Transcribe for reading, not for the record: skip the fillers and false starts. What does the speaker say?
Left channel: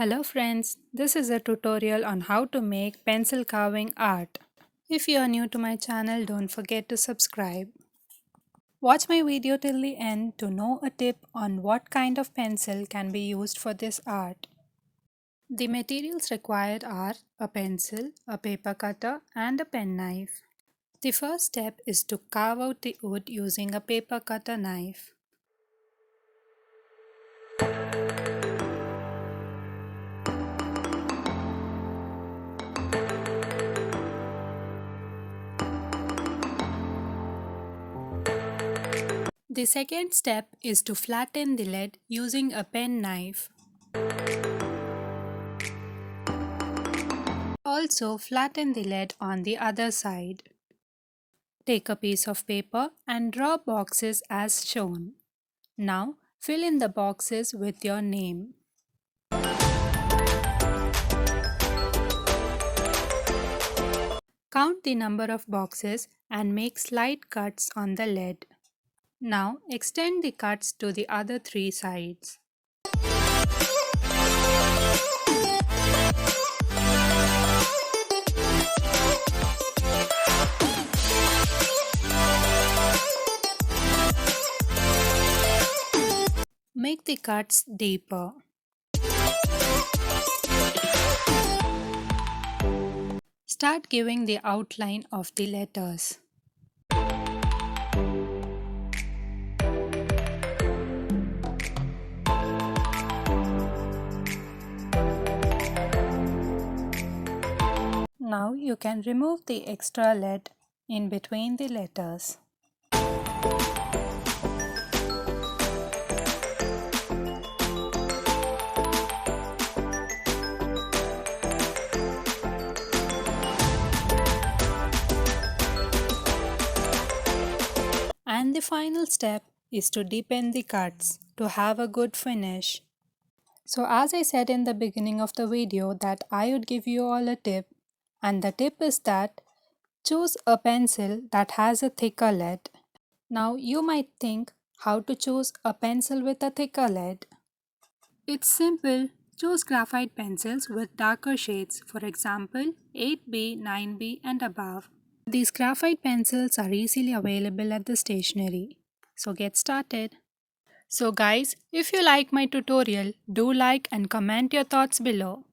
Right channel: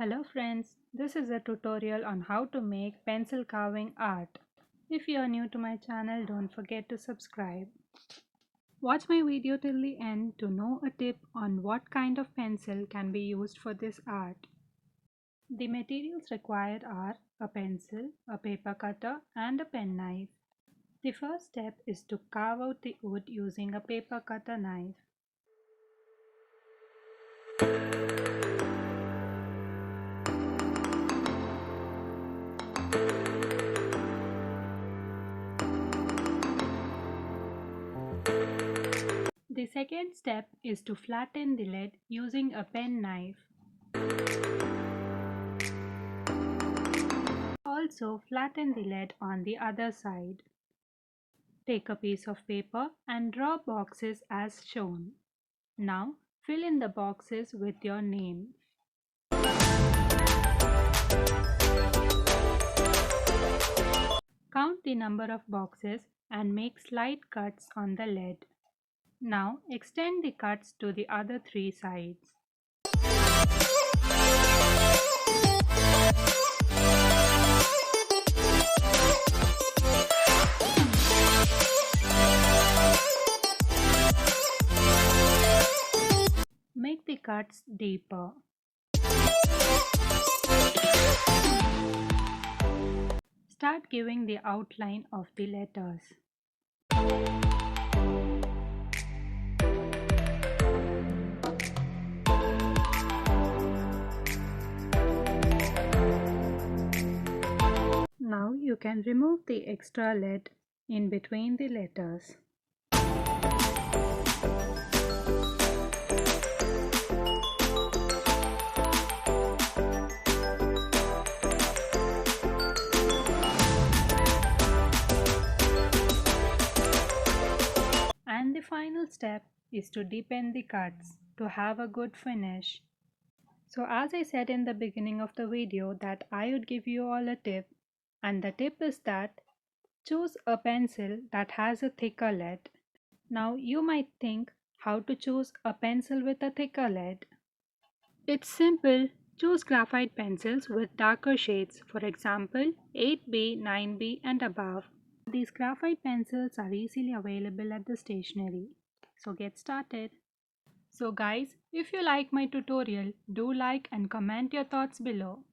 Hello friends, this is a tutorial on how to make pencil carving art. If you are new to my channel, don't forget to subscribe. Watch my video till the end to know a tip on what kind of pencil can be used for this art. The materials required are a pencil, a paper cutter and a penknife. The first step is to carve out the wood using a paper cutter knife. The second step is to flatten the lead using a pen knife. Also flatten the lead on the other side. Take a piece of paper and draw boxes as shown. Now fill in the boxes with your name. Count the number of boxes and make slight cuts on the lead. Now extend the cuts to the other three sides. Make the cuts deeper. Start giving the outline of the letters. Now you can remove the extra lead in between the letters. And the final step is to deepen the cuts to have a good finish. So as I said in the beginning of the video that I would give you all a tip, and the tip is that choose a pencil that has a thicker lead. Now you might think how to choose a pencil with a thicker lead. It's simple. Choose graphite pencils with darker shades, for example 8B, 9B and above. These graphite pencils are easily available at the stationery. So get started. So guys, if you like my tutorial, do like and comment your thoughts below.